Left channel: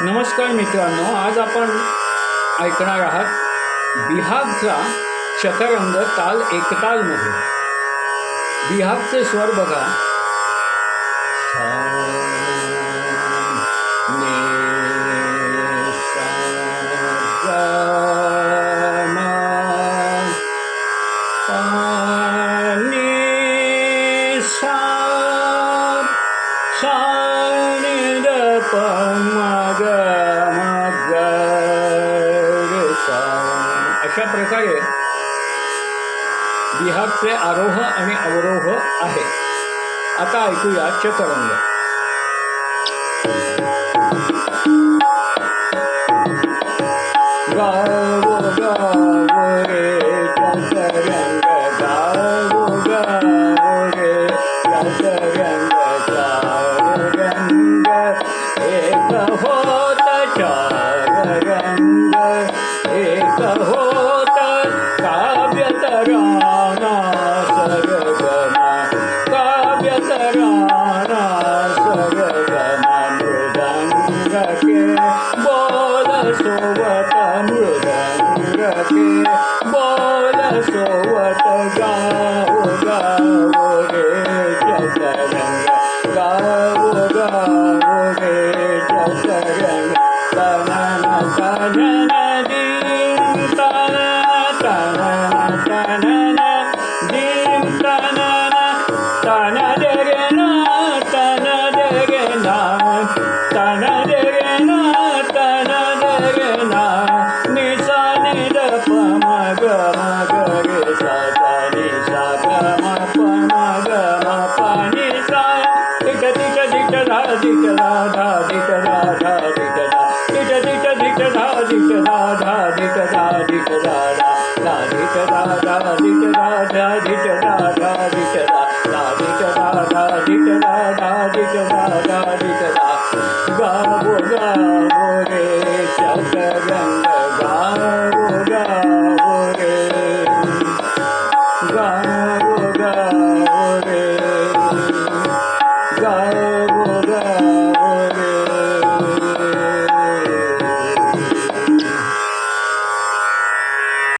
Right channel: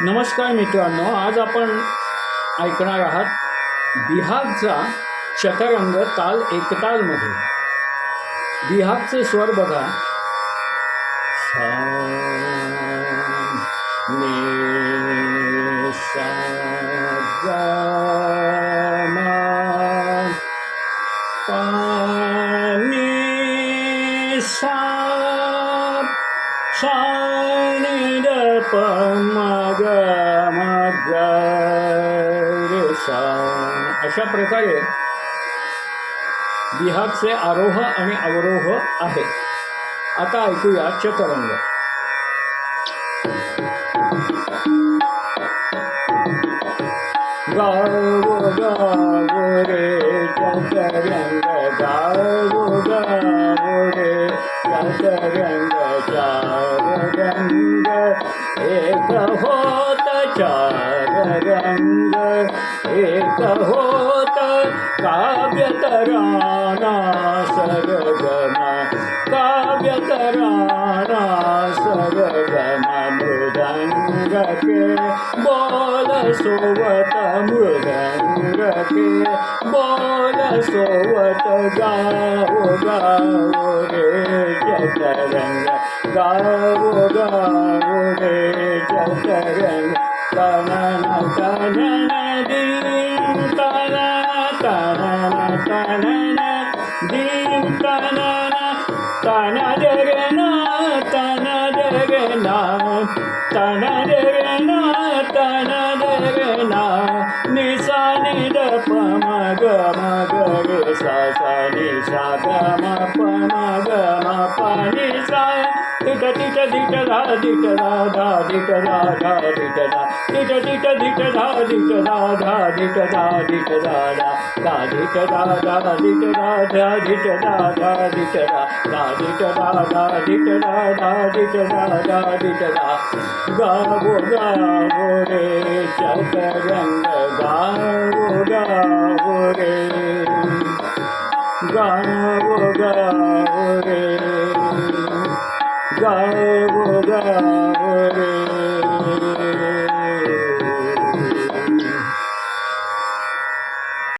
नमस्कार मित्रांनो आज आपण ऐकणार आहात बिहागचा शतरंग ताल एकतालमध्ये बिहागचे स्वर बघा सा, ने, सा, ग, पा, नि, सा, सा, नि, मग मग रे, सा. अशा प्रकारे बिहारचे आरोह आणि अवरोह आहे आता ऐकूया चतरंग गाव गाव रे चतरंग गाव गाव रे चतरंग चार रंग होत चार रंग एक होत काव्य तराना सरगमा काव्य तराना सरगमा मृदंग के बोल सोवत मृदंग के बोल सोवत गाव गाव रे चतरंग गाऊ गाऊ रे सगन तनन तनन दीम तन तनन तनन दीम तनन तन जगना तन जगना तन जगना तन जगना निसा निद मग मग रे सा सा निसा ग म प म ग म प निसा नि सा टिट टिट टिट धा टिट धा धा टिट धा धा टिट धा टिट टिट टिट धा टिट धा धा टिट धा टिट धा धा धा टिट धा धा टिट धा धा टिट धा धा टिट धा धा टिट धा धा टिट धा धा टिट धा धा टिट धा गावो गावो रे चतरंग गावो गावो रे गावो गावो रे गावो i Sahib Udayan.